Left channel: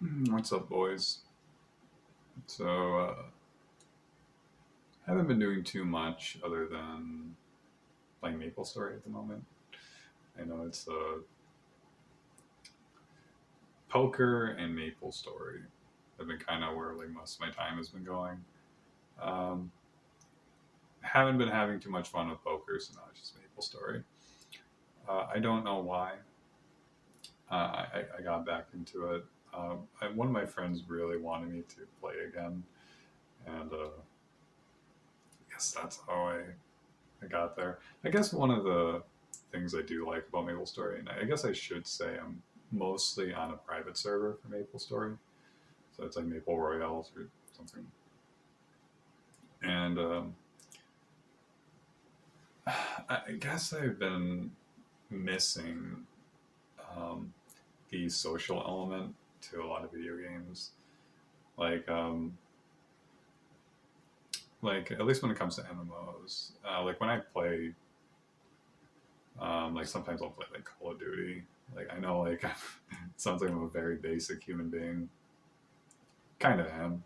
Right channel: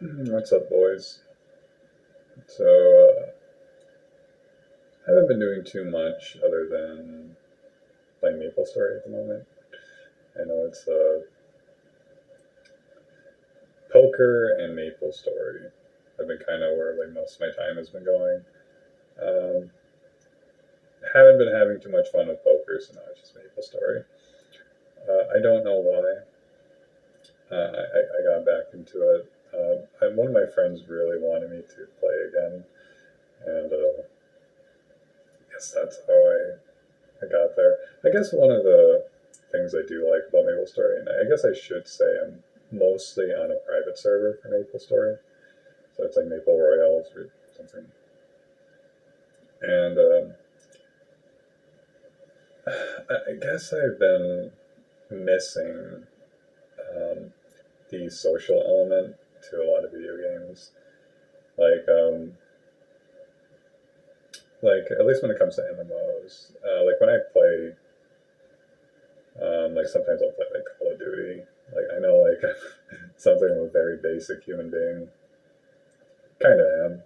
What's up, boys? So, I haven't been doing too much other than playing Maplestory at the moment. I know it's poker and Maplestory have been kind of where like most of my time has been going. Um, haven't been having too much fun with poker, so now it's just Maplestory. I don't know why. I got back into it. One of my friends really wanted me to play again, and I guess that's how I got there. I guess one of the things I do like about MapleStory, and I guess I should say I'm mostly on a private server for MapleStory, so it's like Maple Royales or something. And I guess I've been missing um, the social element to a lot of video games. Like, um, like at least when it comes to MMOs, like when I play, like sometimes I'll play like Call of Duty. Like I know, like it sounds like I'm a very basic human being. Kind of am.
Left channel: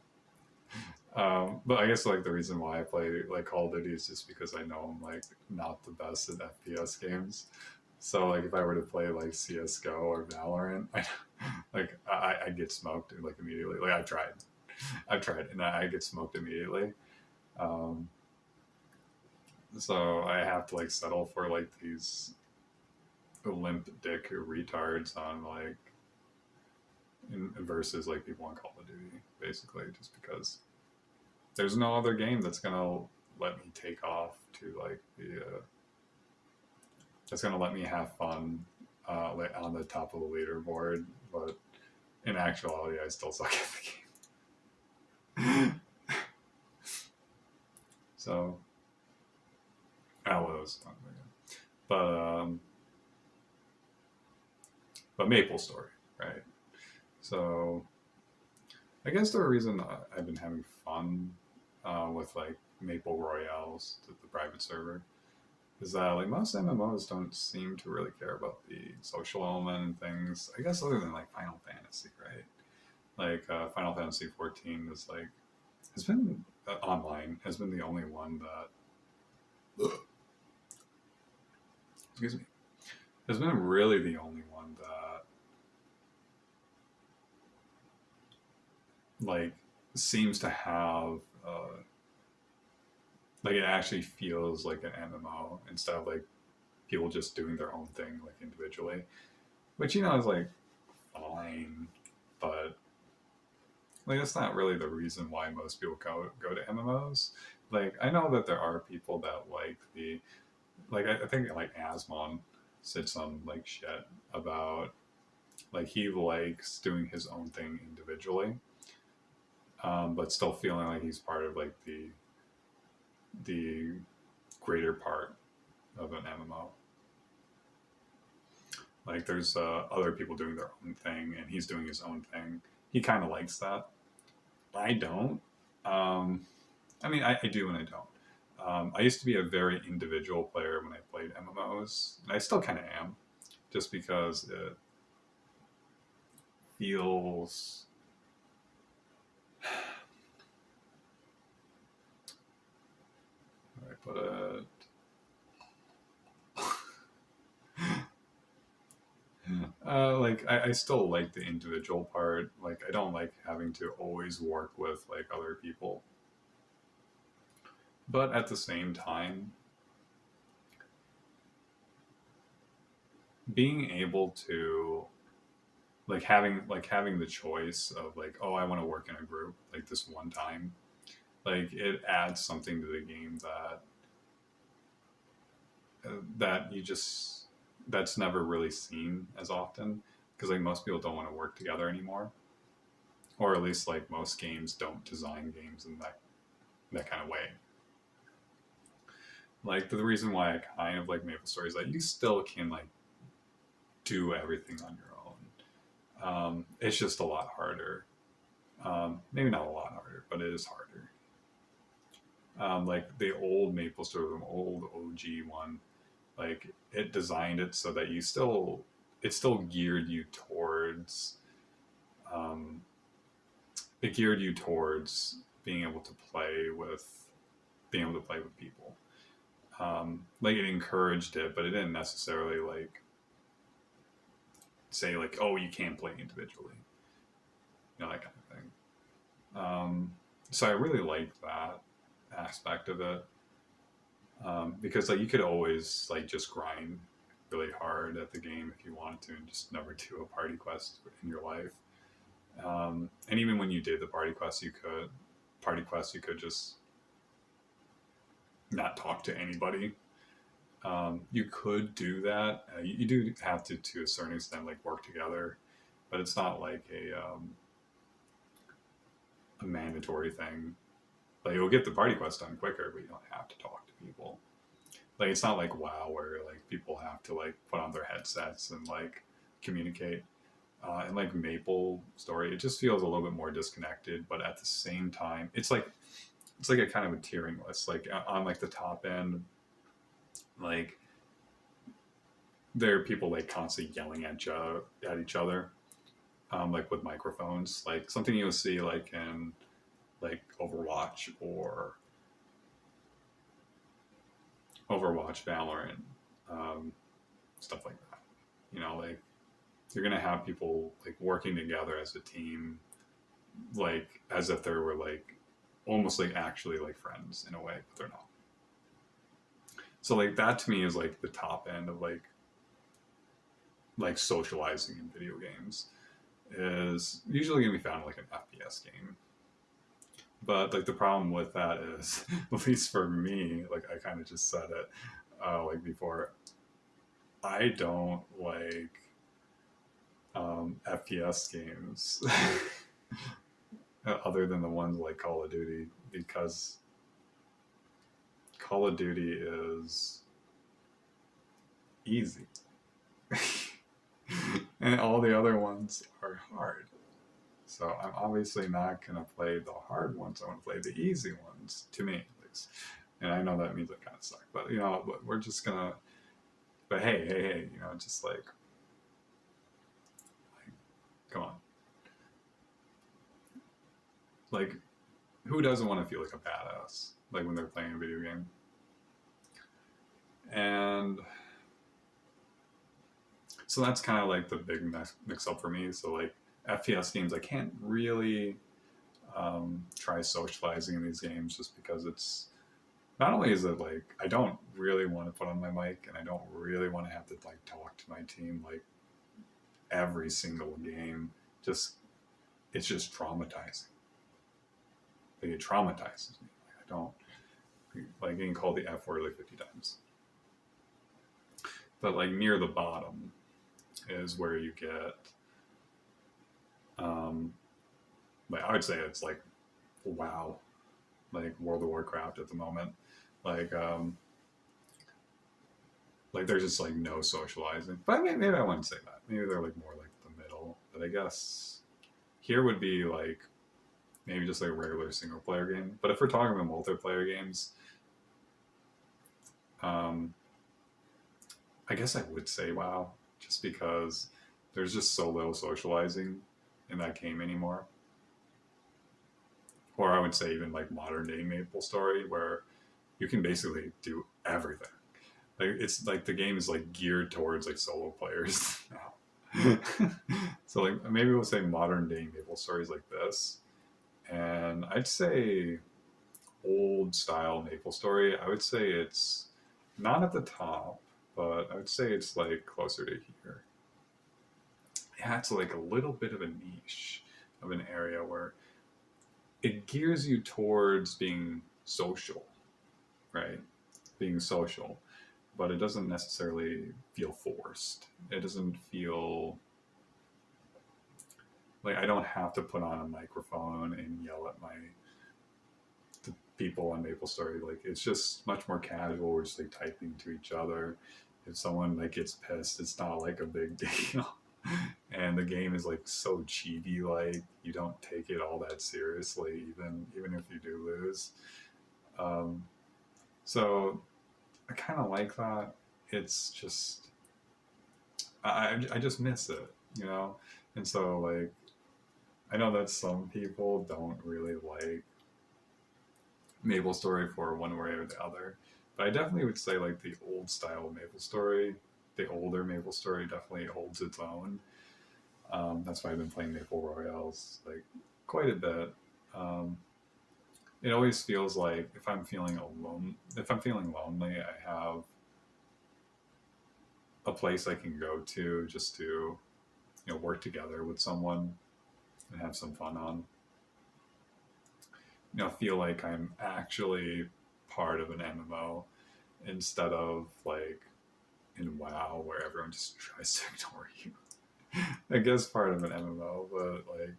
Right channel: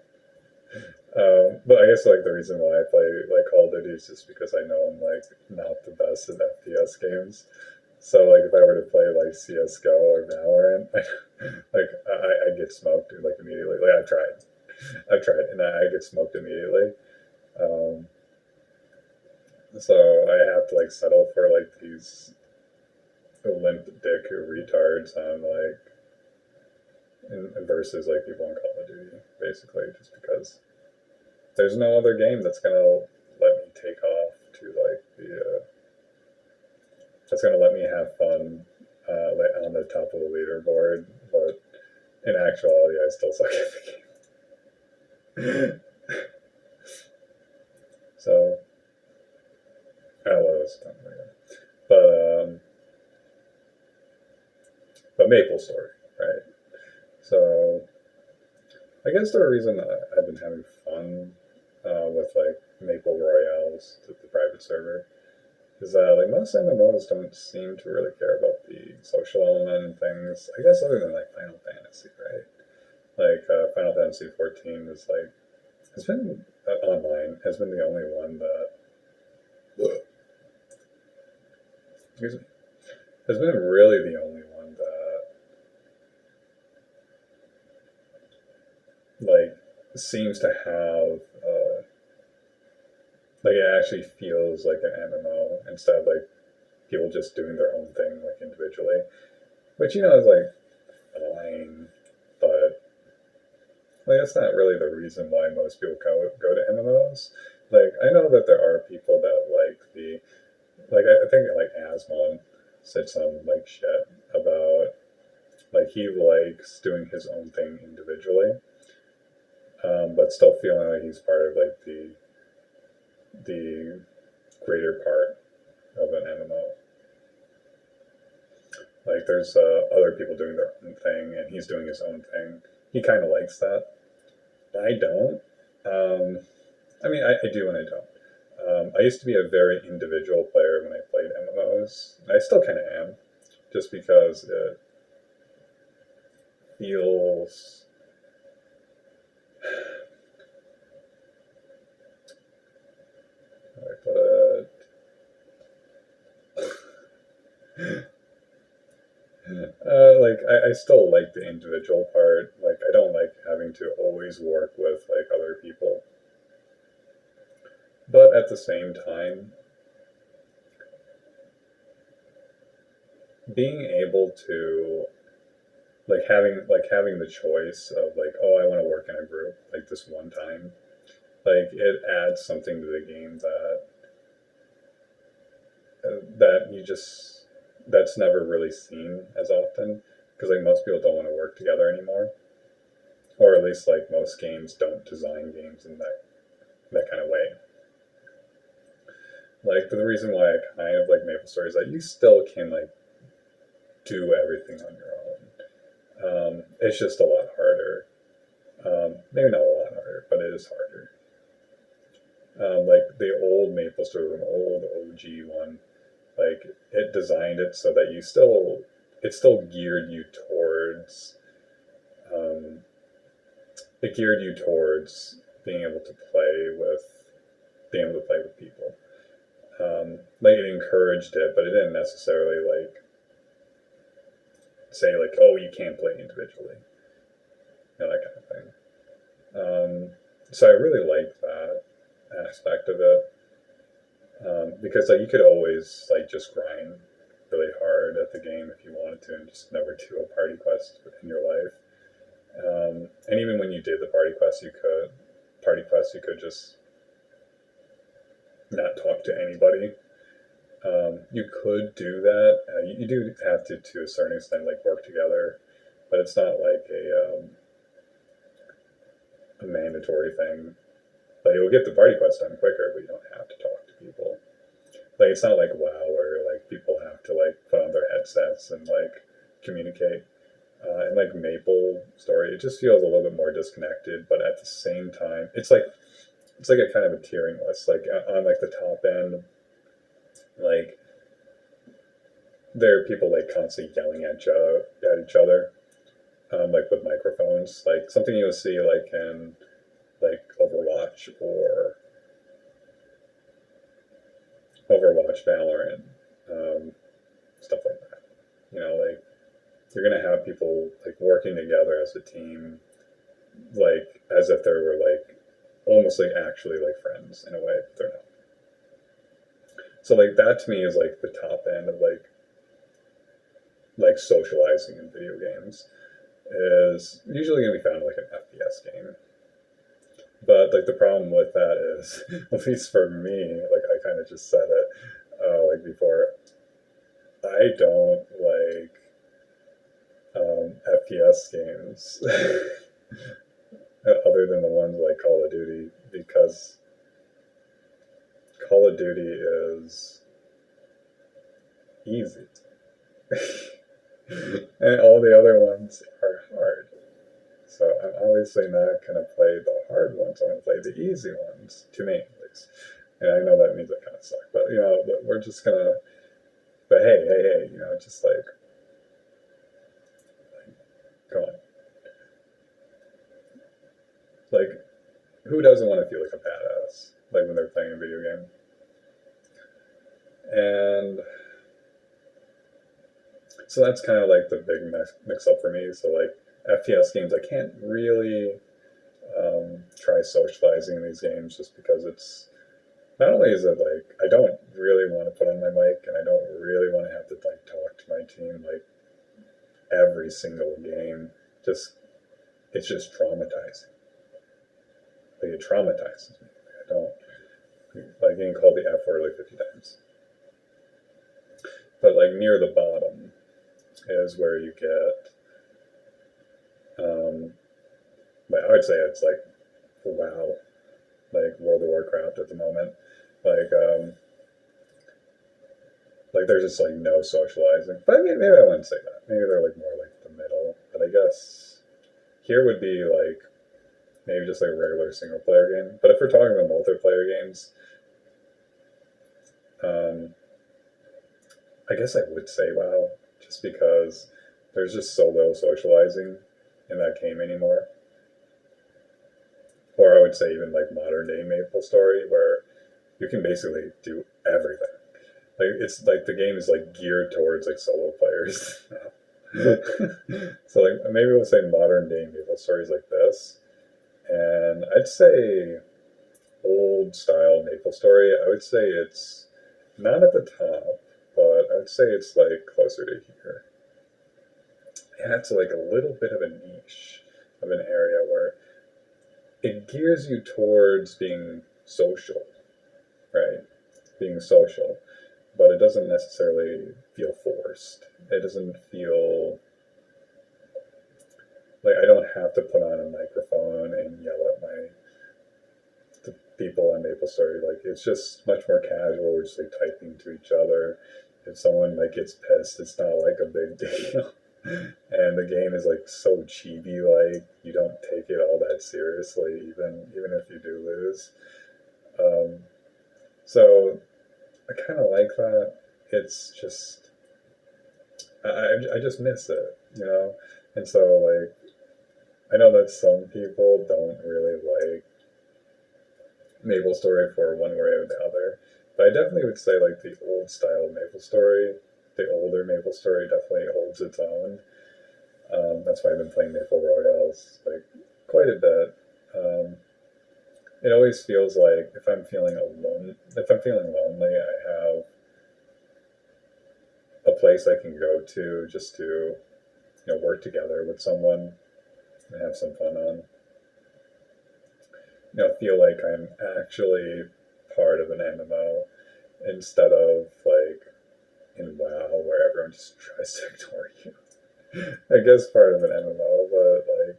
But I guess like the reason why I play like Call of Duty is just because I know I'm like not the best at FPS games. So like if I were to play like CS:GO or Valorant, I get smoked like immediately. Like I've tried, and I get smoked immediately. Um, so I have to like settle for like these limp dick retards on like versus like people on Call of Duty, basically, just because there's no other game that's gonna let me take off to like the that's gonna let me have fun like on the top of the leaderboard. But in actuality, I still suck at the game. So LOs, but but Maple Story, right? So I guess the reason I've been having fun with like Maple Royales, the private server, is that like most MMOs don't seem to really care about the social element and things. I guess other than like Final Fantasy, right? Like Final Fantasy 14 is like has been online has been the only one that excuse me has been really the only one that like seems to have like it actually feels like an MMO instead of like people just doing their own thing like individually, which is like fine, but like that's not really the reason why most people go to MMOs. Like I know that there are people that like the like I think like Asmon said some like shit about like he likes doing his own thing individually, but still feeling like he's part of like the greater part of an MMO. Like there's other people doing their own thing, and he's doing his own thing. He kind of likes that. I don't. Um, I mean, I do and I don't. I used to be a very individual player when I played MMOs. And I still kind of am, just because it feels. How do I put it? Like I still like the individual part. Like I don't like having to always work with like other people. But at the same time, being able to like having the choice of like, oh, I want to work in a group like this one time, like it adds something to the game that you just that's never really seen as often, because like most people don't want to work together anymore, or at least like most games don't design games in that kind of way. Like the reason why I kind of like MapleStory is that you still can like do everything on your own. It's just a lot harder. Maybe not a lot harder, but it is harder. Like the old MapleStory, the old OG one, like it designed it so that it still geared you towards it geared you towards being able to play with people. Like it encouraged it, but it didn't necessarily like say like, oh, you can't play individually, that kind of thing. So I really liked that aspect of it, because like you could always like just grind really hard at the game if you wanted to, and just never do a party quest in your life. And even when you did the party quests, you could just not talk to anybody. You could do that. You do have to a certain extent, like work together, but it's not like a mandatory thing. Like you'll get the party quest done quicker, but you don't have to talk to people. Like it's not like WoW where like people have to like put on their headsets and like communicate. And like Maplestory, it just feels a little bit more disconnected, but at the same time, it's like a kind of a tiering list. Like on like the top end, like there are people like constantly yelling at each other, like with microphones, like something you'll see like in like Overwatch, Valorant, stuff like that. Like you're gonna have people like working together as a team, like as if they were like almost like actually like friends in a way, but they're not. So like that to me is like the top end of like socializing in video games is usually gonna be found in like an FPS game. But like the problem with that is, at least for me, like I kind of just said it, like before, I don't like FPS games other than the ones like Call of Duty, because Call of Duty is easy. And all the other ones are hard. So I'm obviously not going to play the hard ones. I want to play the easy ones, to me at least. And I know that means I kind of suck, but we're just going to, but hey, just like, come on. Like, who doesn't want to feel like a badass, like when they're playing a video game? And so that's kind of like the big mix up for me. So like FPS games, I can't really try socializing in these games just because it's not only is it like I don't really want to put on my mic, and I don't really want to have to like talk to my team like every single game. Just it's just traumatizing. Like it traumatizes me. Like I don't like getting called the F word like 50 times. But like near the bottom is where you get like I would say it's like WoW, like World of Warcraft at the moment. Like there's just like no socializing. But I mean, maybe I wouldn't say that. Maybe they're like more like the middle. But I guess here would be like maybe just like a regular single player game. But if we're talking about multiplayer games, I guess I would say WoW, just because there's just so little socializing in that game anymore. Or I would say even like modern day Maplestory, where you can basically do everything. Like it's like the game is like geared towards like solo players now. So like maybe we'll say modern day Maplestory is like this, and I'd say old style Maplestory, I would say it's not at the top, but I would say it's like closer to here. Yeah, it's like a little bit of a niche of an area where it gears you towards being social, right? Being social, but it doesn't necessarily feel forced. It doesn't feel like I don't have to put on a microphone and yell at the people on Maplestory. Like it's just much more casual. We're just like typing to each other. If someone like gets pissed, it's not like a big deal. And the game is like so chibi, like you don't take it all that seriously, even if you do lose. So I kind of like that. It's just I just miss it, And so like I know that some people don't really like Maplestory for one way or the other, but I definitely would say like the old style Maplestory, the older Maplestory definitely holds its own. That's why I've been playing Maple Royales like quite a bit. Um, it always feels like if I'm feeling lonely, I have a place I can go to just to work together with someone and have some fun on. Feel like I'm actually part of an MMO instead of like in WoW where everyone just tries to ignore you. I guess part of an MMO, but like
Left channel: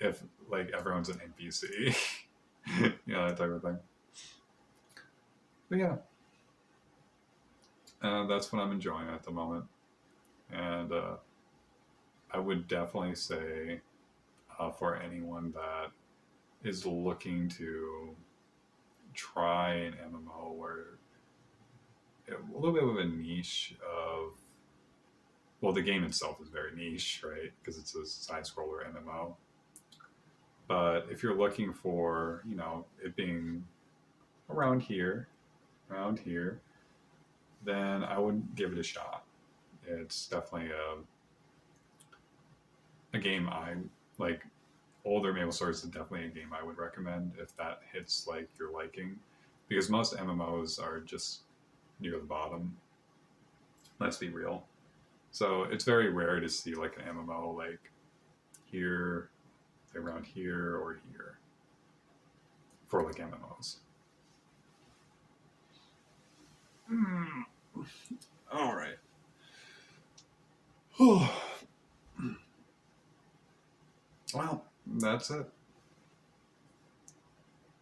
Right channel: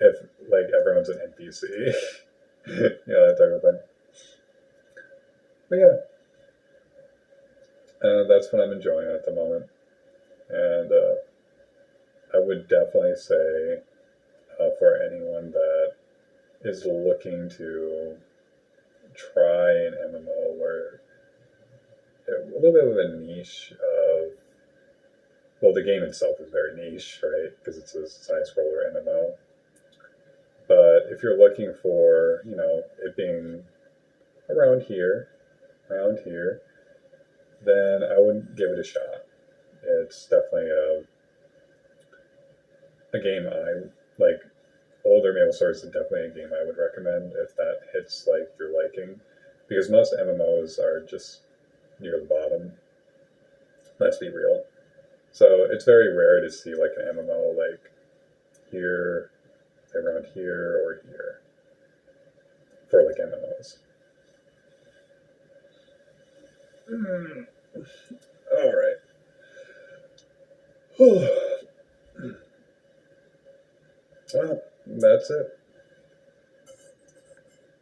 if like everyone's an NPC, that type of thing. But yeah, that's what I'm enjoying at the moment, and I would definitely say for anyone that is looking to try an MMO where a little bit of a niche of well, the game itself is very niche, right? Because it's a side scroller MMO. But if you're looking for, it being around here, around here, then I would give it a shot. It's definitely a game I like. Older Maple Stories is definitely a game I would recommend if that hits like your liking, because most MMOs are just near the bottom. Let's be real. So it's very rare to see like an MMO like here, around here, or here for like MMOs. Mm. All right. Well, that's it.